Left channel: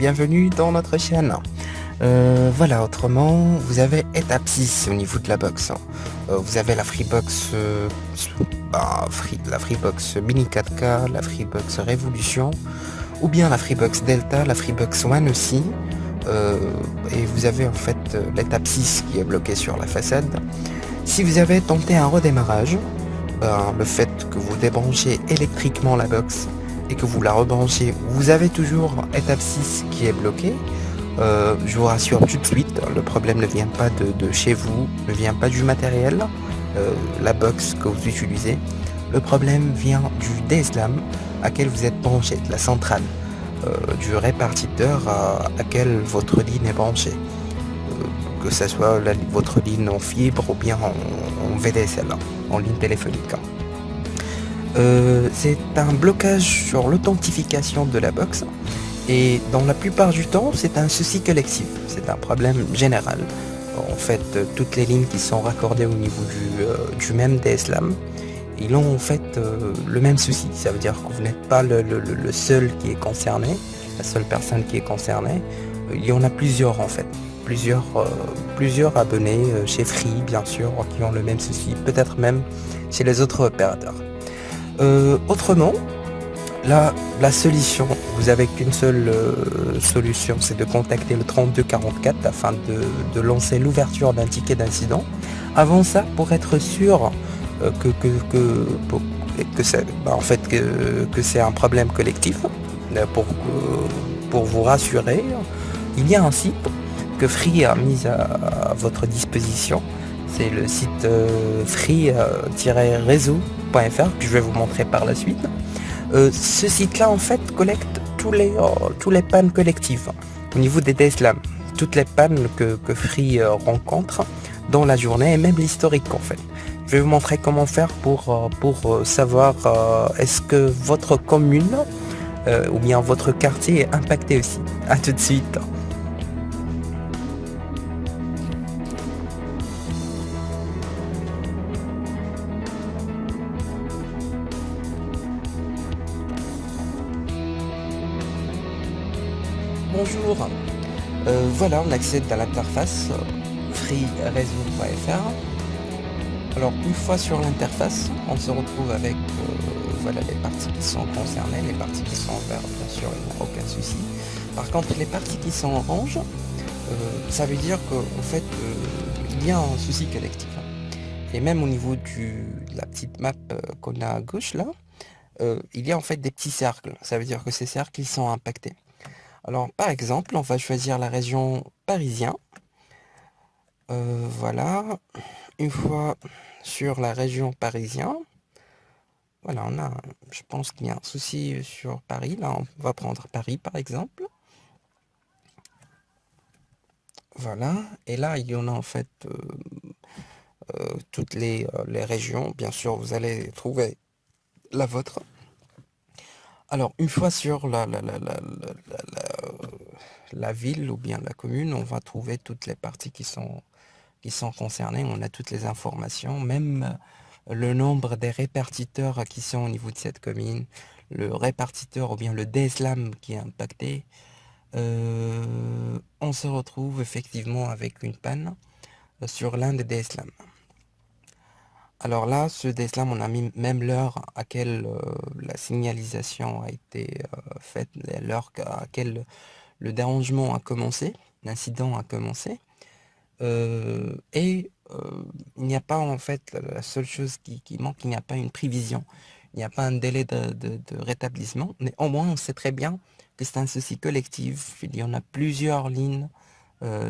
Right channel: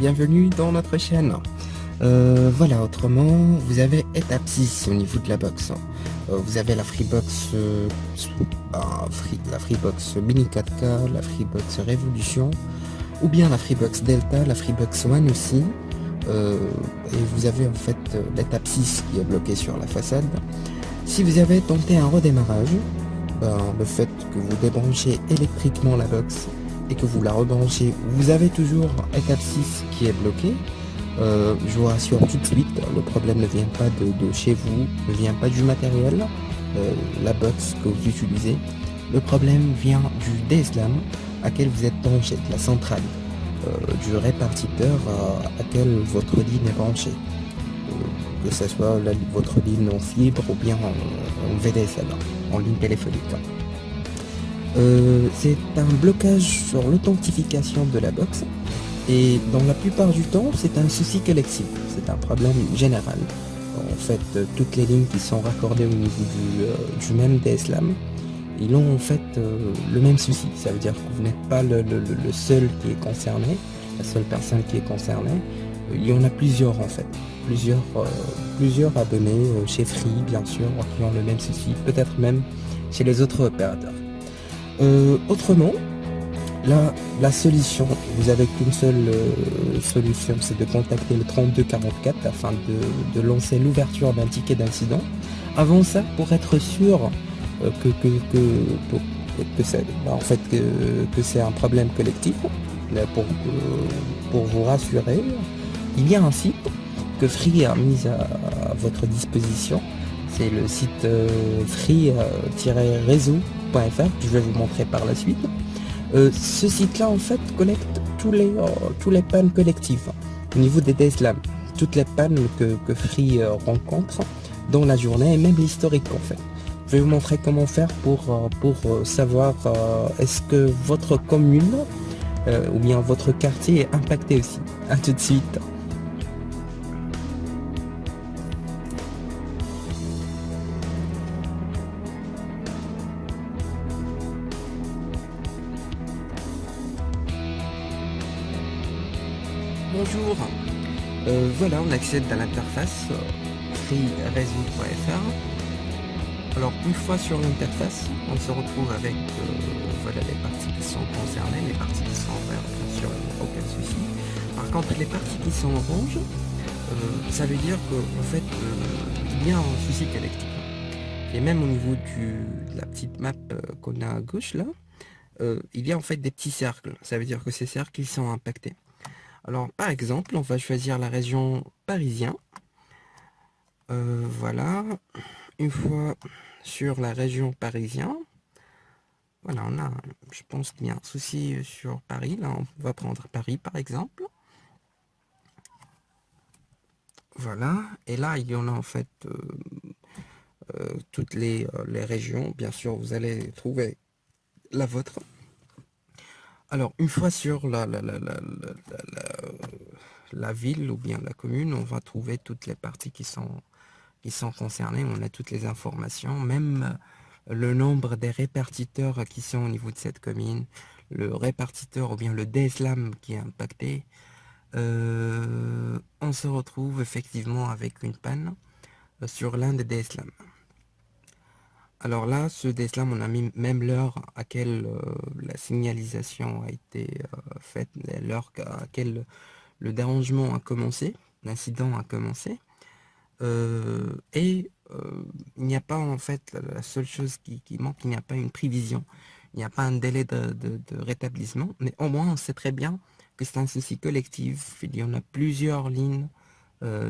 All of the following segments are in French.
bienvenue dans notre chaîne. Voilà, autrement, vous avez étape 6 au niveau de la box. Vous avez la Freebox, la Freebox Mini 4K, la Freebox Révolution, ou bien la Freebox Delta, la Freebox One aussi. Et vous avez en fait l'étape 6 qui est bloquée sur la façade. Si vous avez tenté un redémarrage, le fait que vous débranchez électriquement la box et que vous la rebranchez, vous avez toujours étape 6 qui est bloquée. Je vous rassure tout de suite, le problème ne vient pas de chez vous, ne vient pas du matériel, la box que vous utilisez. Le problème vient du DSLAM à quel vous êtes branché, de la centrale, du répartiteur à quel votre ligne est branchée. Que ce soit votre ligne en fibre ou bien en VDSL, en ligne téléphonique. C'est un blocage sur l'authentification de la box et dans la plupart du temps c'est un souci collectif, c'est un problème général. En fait, toutes les lignes qui sont raccordées au niveau du même DSLAM, ils ont en fait le même souci. Ça veut dire que vous n'êtes pas le seul qui est concerné, la seule personne qui est concernée. Il y en a plusieurs en fait, plusieurs abonnés chez Free bien sûr qui ont le même souci, peut-être même chez les autres opérateurs. Autrement, la solution, vous avez qu'une seule solution, c'est de contacter le 3244 afin de lancer l'ouverture d'un ticket d'incident. Avant ça, pour être sûr que c'est un problème collectif, pour vous rassurer, il y a un site que Free a mis à votre disposition. C'est le site free-réseau.fr que je vais vous montrer par la suite. Ce site-là en fait collecte tous les pannes collectives au niveau des DSLAM, toutes les pannes que Free rencontre dans la journée et même l'historique en fait. Je vais vous montrer comment faire pour savoir est-ce que votre commune ou bien votre quartier est impacté aussi. A tout de suite. Bonjour, voilà, on accède à l'interface free-réseau.fr. Alors une fois sur l'interface, on se retrouve avec voilà, les parties qui sont concernées, les parties qui sont en vert, bien sûr, il n'y a aucun souci. Par contre, les parties qui sont orange, ça veut dire qu'en fait, il y a un souci collectif. Et même au niveau de la petite map qu'on a à gauche là, il y a en fait des petits cercles. Ça veut dire que ces cercles ils sont impactés. Alors par exemple, on va choisir la région parisienne. Voilà. Une fois sur la région parisienne, voilà, je pense qu'il y a un souci sur Paris. Là, on va prendre Paris par exemple. Voilà. Et là, il y en a en fait toutes les régions. Bien sûr, vous allez trouver la vôtre. Alors, une fois sur la ville ou bien la commune, on va trouver toutes les parties qui sont concernées. On a toutes les informations, même le nombre des répartiteurs qui sont au niveau de cette commune, le répartiteur ou bien le DSLAM qui est impacté. On se retrouve effectivement avec une panne sur l'un des DSLAM. Alors là, ce DSLAM, on a mis même l'heure à laquelle la signalisation a été faite, l'heure à laquelle le dérangement a commencé, l'incident a commencé. Il n'y a pas en fait, la seule chose qui manque, il n'y a pas une prévision, il n'y a pas un délai de rétablissement. Mais au moins, on sait très bien que c'est un souci collectif. Il y en a plusieurs lignes,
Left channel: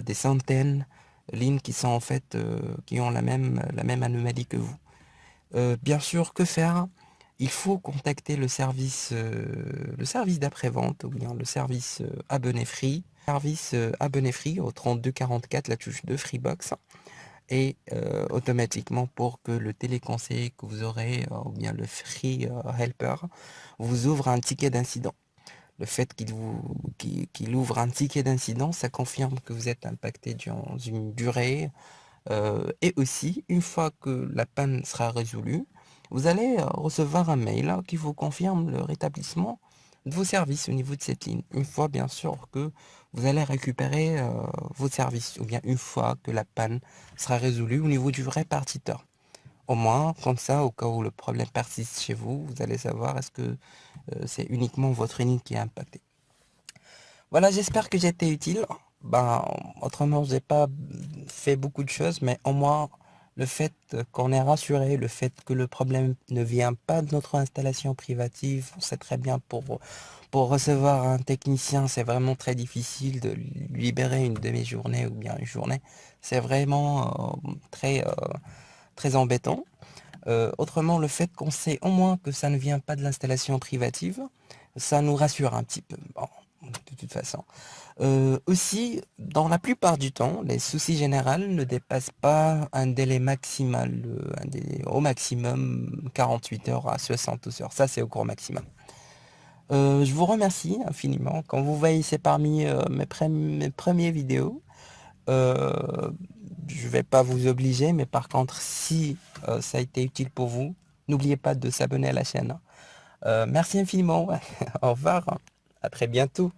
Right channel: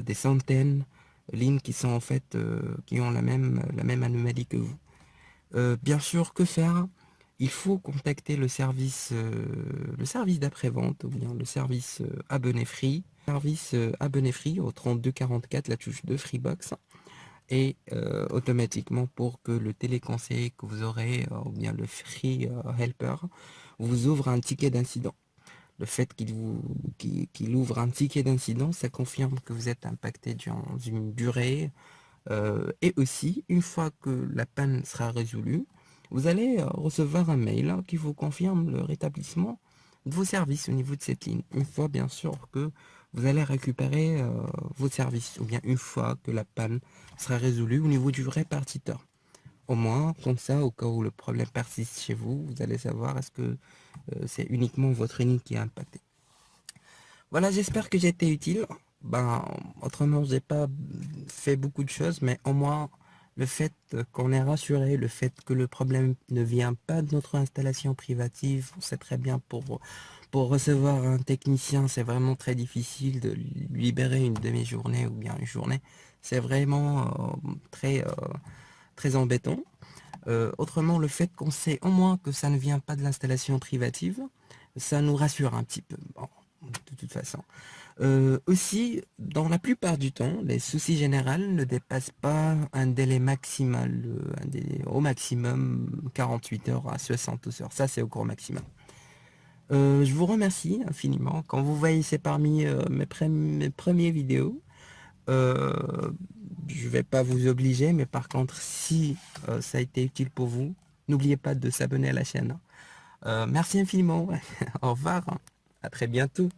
des centaines de lignes qui sont en fait, qui ont la même anomalie que vous. Bien sûr, que faire? Il faut contacter le service d'après-vente ou bien le service abonné Free. Service abonné Free au 3244, la touche de Freebox. Et automatiquement pour que le téléconseiller que vous aurez, ou bien le Free Helper, vous ouvre un ticket d'incident. Le fait qu'il ouvre un ticket d'incident, ça confirme que vous êtes impacté durant une durée. Et aussi, une fois que la panne sera résolue, vous allez recevoir un mail qui vous confirme le rétablissement de vos services au niveau de cette ligne. Une fois, bien sûr, que vous allez récupérer vos services, ou bien une fois que la panne sera résolue au niveau du répartiteur. Au moins, comme ça, au cas où le problème persiste chez vous, vous allez savoir est-ce que c'est uniquement votre ligne qui est impactée. Voilà, j'espère que j'ai été utile. Ben, autrement, j'ai pas fait beaucoup de choses, mais au moins, le fait qu'on est rassuré, le fait que le problème ne vient pas de notre installation privative, on sait très bien pour recevoir un technicien, c'est vraiment très difficile de libérer une demi-journée ou bien une journée. C'est vraiment très embêtant. Autrement, le fait qu'on sait au moins que ça ne vient pas de l'installation privative, ça nous rassure un petit peu. Bon, de toute façon. Aussi, dans la plupart du temps, les soucis généraux ne dépassent pas un délai maximal, un délai au maximum 48 heures à 60 heures. Ça, c'est au gros maximum. Je vous remercie infiniment. Quand vous voyez, c'est parmi mes premières vidéos. Euh, je vais pas vous obliger, mais par contre, si ça a été utile pour vous, n'oubliez pas de s'abonner à la chaîne. Merci infiniment. Au revoir. À très bientôt.